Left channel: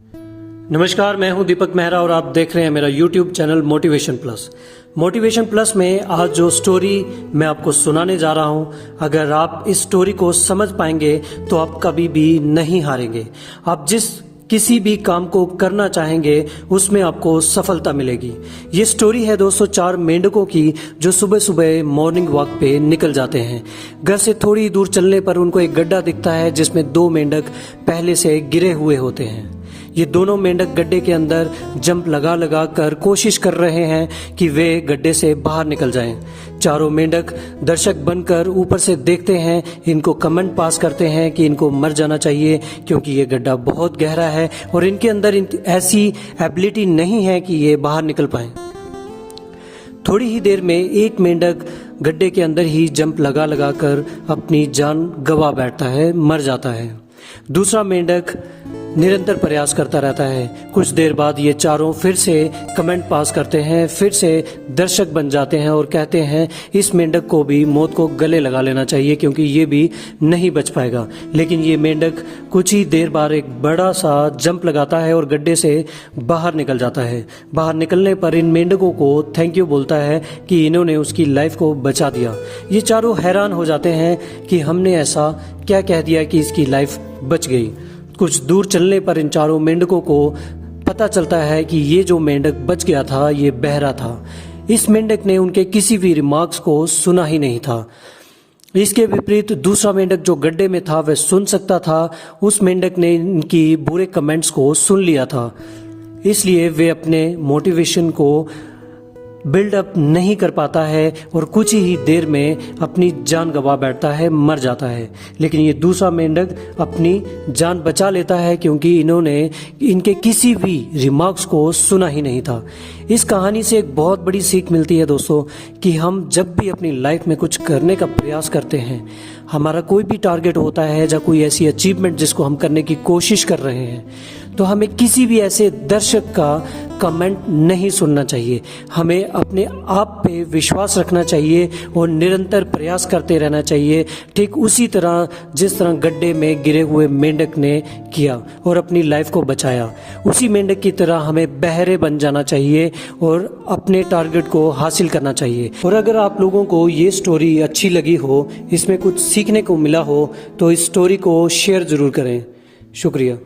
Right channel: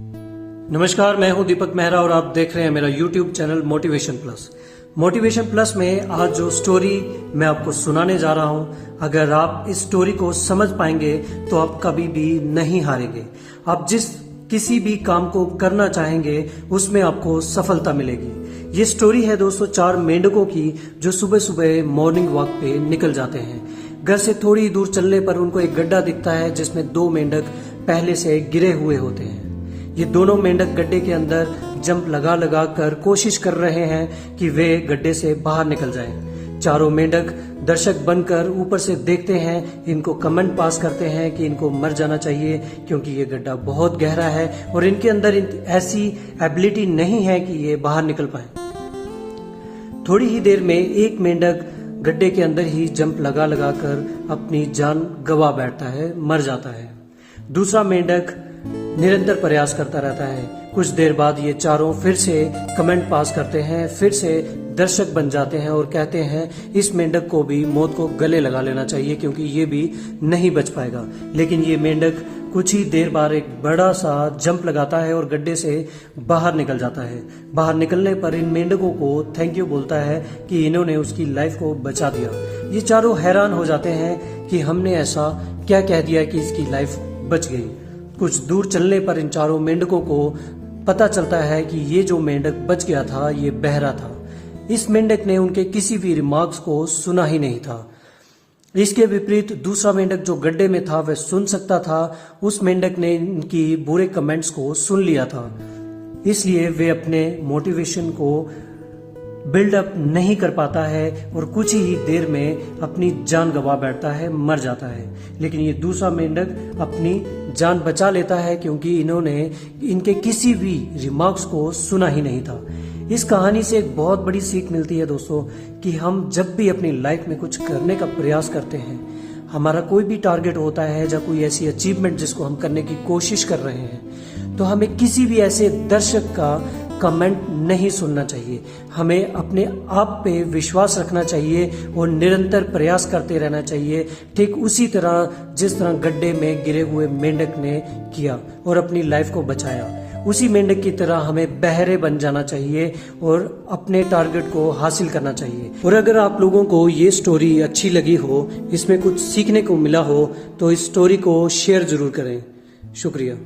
नमस्कार, मैं हूं दीपक मेहरा और आप देख रहे हैं मेरा YouTube channel motivation plus. Motivation plus में आज जो स्टोरी मैं आपको सुनाने जा रहा हूं, अगर आप इस स्टोरी को समझ पाएंगे तो आप कभी भी नहीं हारेंगे। आप किसी भी काम को करना चाहेंगे उसमें आपको सफलता मिलेगी। ये स्टोरी है दोस्तों 4 मेंढकों की जो सुबह सुबह मॉर्निंग वॉक पे निकल जाते हैं। घर से थोड़ी दूर चलने पर उनको एक गड्ढा दिखता है जिसमें 2 मेंढक पहले से गिरे हुए होते हैं। ये दोनों मेंढक गड्ढे के अंदर जंप लगा लगा कर कोशिश कर रहे हैं कि वे गड्ढे से बाहर निकल जाएं। चारों मेंढक दर्शक बनकर ऊपर से देखते हैं, इनको कमेंट पास करते हैं कि इनको मर जाना चाहिए क्योंकि ये गड्ढा बहुत गहरा है और इनके अंदर ऐसी एबिलिटी नहीं है कि ये बाहर निकल पाए। थोड़ी ही देर में एक मेंढक गड्ढे के अंदर ही जंप लगा लगा कर अपनी जान गंवा बैठता है, मर जाता है। दूसरा मेंढक निरंतर प्रयास करता रहता है। कुछ देर बाद ये चारों फिर से कमेंट पास करते हैं, फिर से दर्शक बन जाते हैं और कहते हैं इस मेंढक को भी मौत को गले लगा लेना चाहिए क्योंकि ये भी नहीं बच पाएगा। लेकिन ये मेंढक कुछ ही देर बाद एक बड़ा सा जंप लगाता है और गड्ढे से बाहर निकल जाता है। बाहर निकलने पर इन मेंढकों को थैंक यू बोलता है कि इन्होंने उसकी लाइफ को बचा दिया। ये चारों हैरान हो जाते हैं कि हमने ऐसा क्या कह दिया कि इसकी लाइफ बच गई। कुछ दूर चलने पर इन चारों मेंढकों को पता चलता है कि ये जो मेंढक बच गया था ये बहरा था। इस मेंढक ने उनके किसी भी रिमार्क्स को सुना ही नहीं था। इसके विपरीत दूसरा मेंढक जो गड्ढे में था वह सुन सकता था। उस मेंढक ने इनकी बुरे कमेंट्स को सुन लिया था, इसलिए वे अपने मोटिवेशन को बिल्डअप नहीं कर पाता है और कुछ ही देर में अपनी जान गंवा बैठता है, मर जाता है। लेकिन ये दूसरा मेंढक अपनी जान बचा लेता है क्योंकि इन्होंने इनके किसी भी रिमार्क्स को सुना ही नहीं था। इस कहानी से एक बहुत बड़ी सीख मिलती है दोस्तों कि हम जब भी अपनी लाइफ में कुछ करने का प्रयास करते हैं, हमारा कोई भी टारगेट होता है या कोई ऐसी अचीवमेंट जिसको हम करने की कोशिश कर रहे हैं, तो हमें किसी भी ऐसे दर्शक का कमेंट नहीं सुनना चाहिए। हमें अपने आप पे विश्वास रखना चाहिए और निरंतर प्रयास करते रहना चाहिए, ठीक उसी तरह जिस तरह गड्ढे में गिरे हुए मेंढक ने किया और अपनी लाइफ को बचाया। उसी मेंढक की तरह हमें बहरे बन जाना चाहिए और अपने टारगेट को हासिल करना चाहिए। और अगर आप लोगों को ये स्टोरी अच्छी लगी हो, इसमें कुछ सीखने को मिला हो, तो इस स्टोरी को शेयर जरूर करें। शुक्रिया।